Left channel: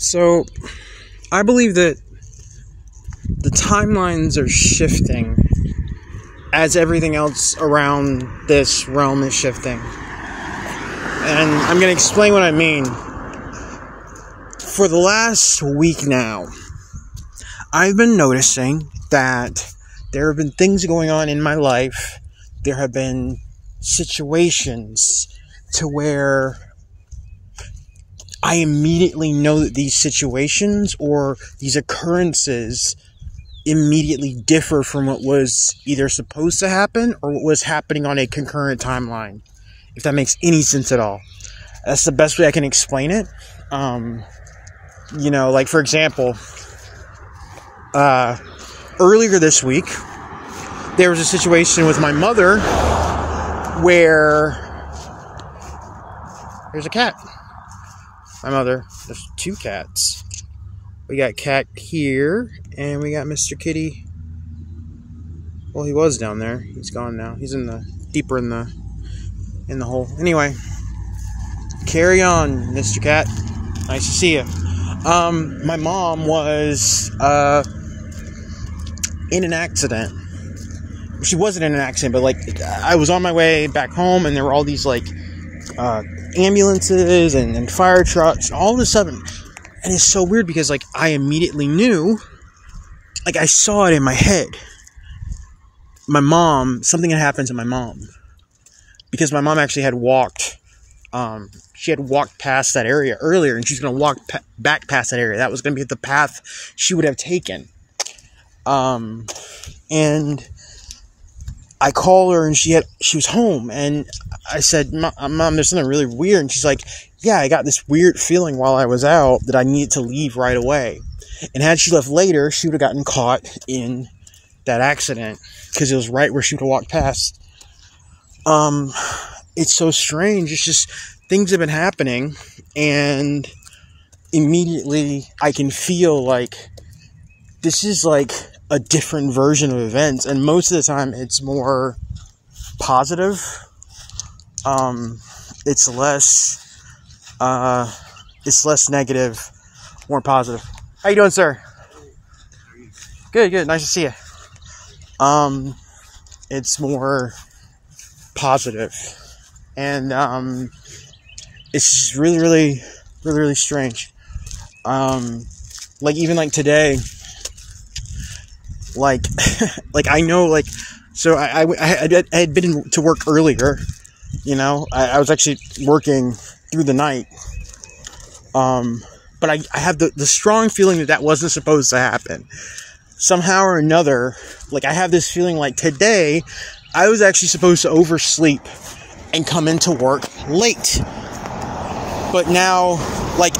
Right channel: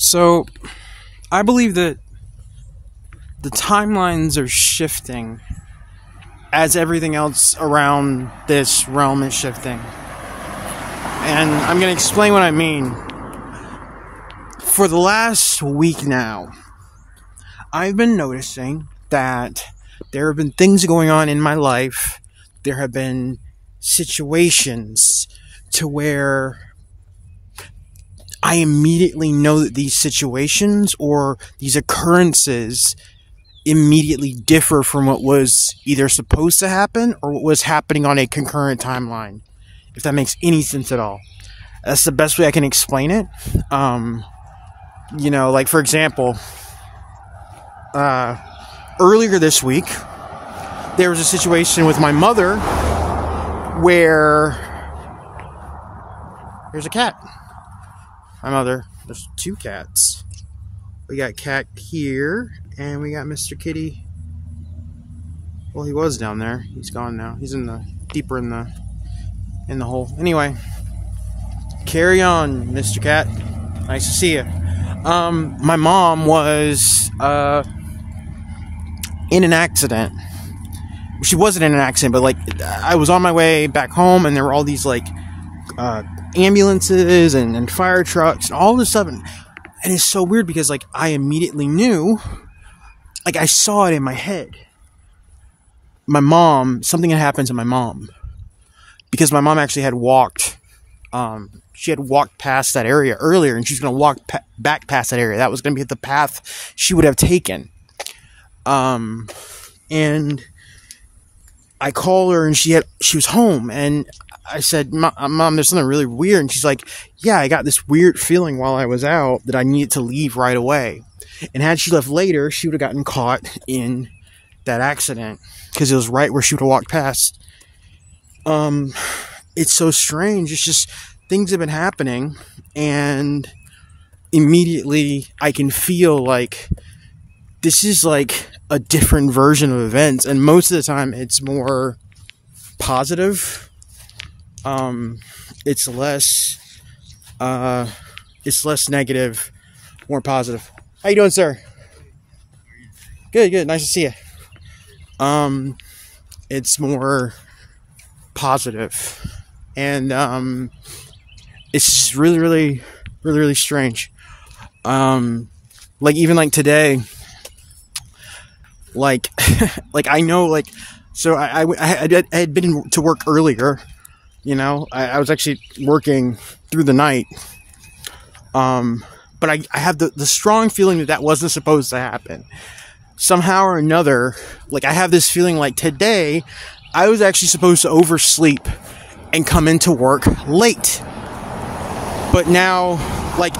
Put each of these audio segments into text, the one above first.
So, I believe that the timelines are shifting as everything else around this realm is shifting. And I'm going to explain what I mean. For the last week now, I've been noticing that there have been things going on in my life. There have been situations to where I immediately know that these situations or these occurrences immediately differ from what was either supposed to happen or what was happening on a concurrent timeline. If that makes any sense at all. That's the best way I can explain it. Like for example, earlier this week, there was a situation with my mother where there's a cat. My mother, there's two cats. We got Cat here, and we got Mr. Kitty. Well, he was down there. He's gone now. He's deeper in the hole. Anyway, carry on, Mr. Cat. Nice to see you. My mom was in an accident. She wasn't in an accident, but I was on my way back home, and there were all these ambulances and fire trucks and all this stuff, and it's so weird because I immediately knew, I saw it in my head. My mom, something had happened to my mom because my mom actually had walked. She had walked past that area earlier, and she's going to walk back past that area. That was going to be the path she would have taken. And I called her, and she was home, and I said, Mom, there's something really weird. And she's like, yeah, I got this weird feeling while I was out that I needed to leave right away. And had she left later, she would have gotten caught in that accident because it was right where she would have walked past. It's so strange. It's just things have been happening, and immediately I can feel this is a different version of events, and most of the time it's more positive. It's less negative, more positive. How you doing, sir? Good. Nice to see you. It's more positive, and it's just really strange. Even today, I know, so I had been to work earlier, I was actually working through the night, but I have the strong feeling that wasn't supposed to happen. Somehow or another, I have this feeling today, I was actually supposed to oversleep and come into work late. But now,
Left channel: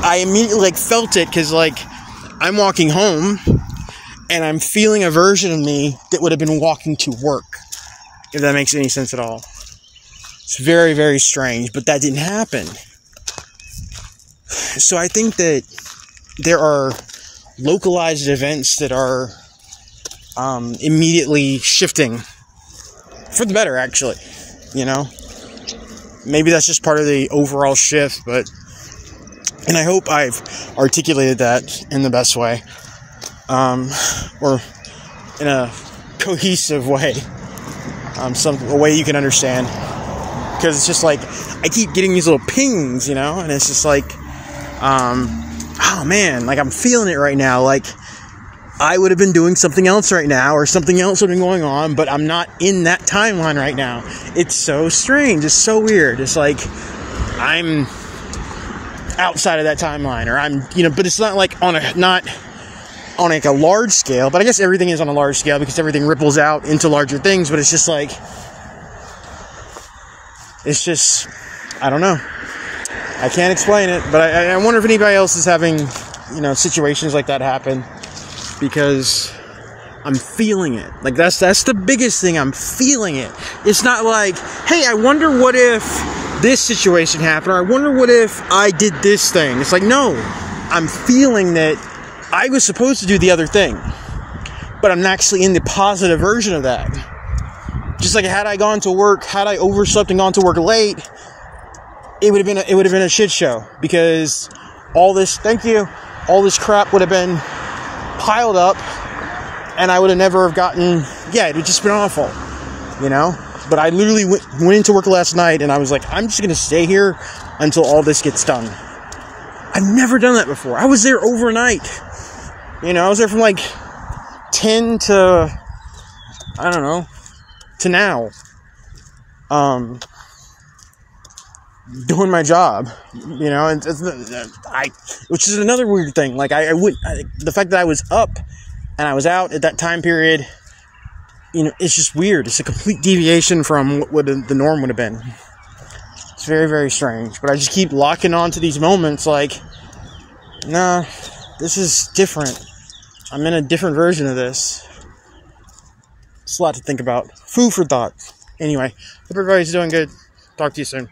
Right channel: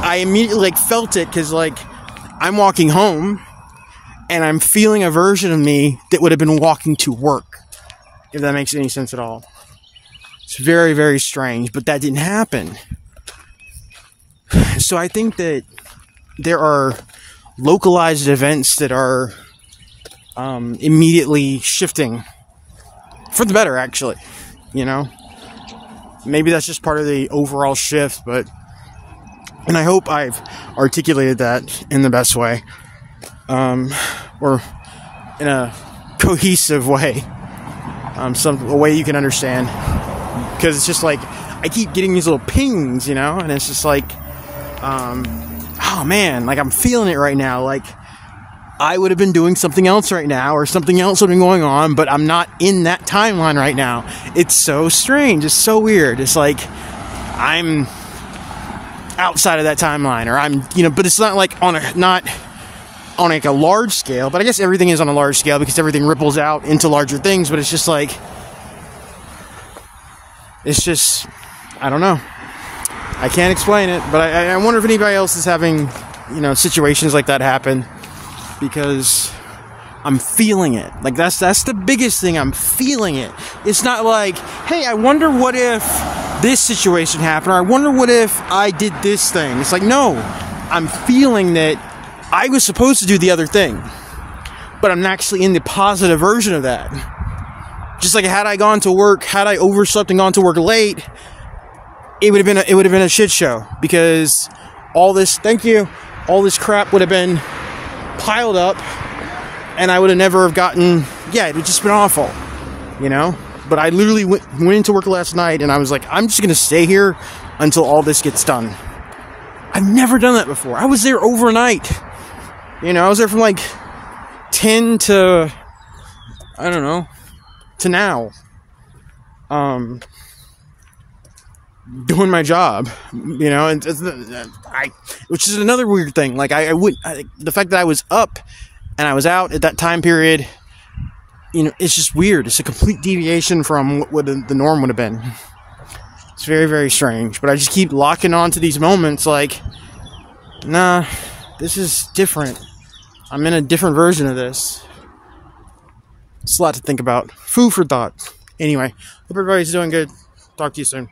I immediately, felt it, because, I'm walking home, and I'm feeling a version of me that would have been walking to work, if that makes any sense at all. It's very, very strange, but that didn't happen. So I think that there are localized events that are immediately shifting for the better, actually. Maybe that's just part of the overall shift, and I hope I've articulated that in the best way, or in a cohesive way, a way you can understand, because it's just I keep getting these little pings, and it's just oh man, I'm feeling it right now, I would have been doing something else right now, or something else would have been going on, but I'm not in that timeline right now. It's so strange. It's so weird. It's I'm outside of that timeline, or I'm, but it's not not on a large scale, but I guess everything is on a large scale because everything ripples out into larger things, but it's just it's just, I don't know. I can't explain it, but I wonder if anybody else is having, situations like that happen. Because I'm feeling it. That's the biggest thing. I'm feeling it. It's not hey, I wonder what if this situation happened, or I wonder what if I did this thing. It's no, I'm feeling that I was supposed to do the other thing, but I'm actually in the positive version of that. Just had I gone to work, had I overslept and gone to work late, it would have been a shit show, because all this, thank you, all this crap would have been piled up, and I would have never have gotten, yeah, it would just been awful, you know? But I literally went into work last night, and I was like, I'm just going to stay here until all this gets done. I've never done that before. I was there overnight. You know, I was there from like 10 to, I don't know, to now. Doing my job, you know, and which is another weird thing. Like the fact that I was up and I was out at that time period, you know, it's just weird. It's a complete deviation from what the norm would have been. It's very, very strange. But I just keep locking on to these moments like, nah, this is different. I'm in a different version of this. It's a lot to think about. Food for thought. Anyway, hope everybody's doing good. Talk to you soon.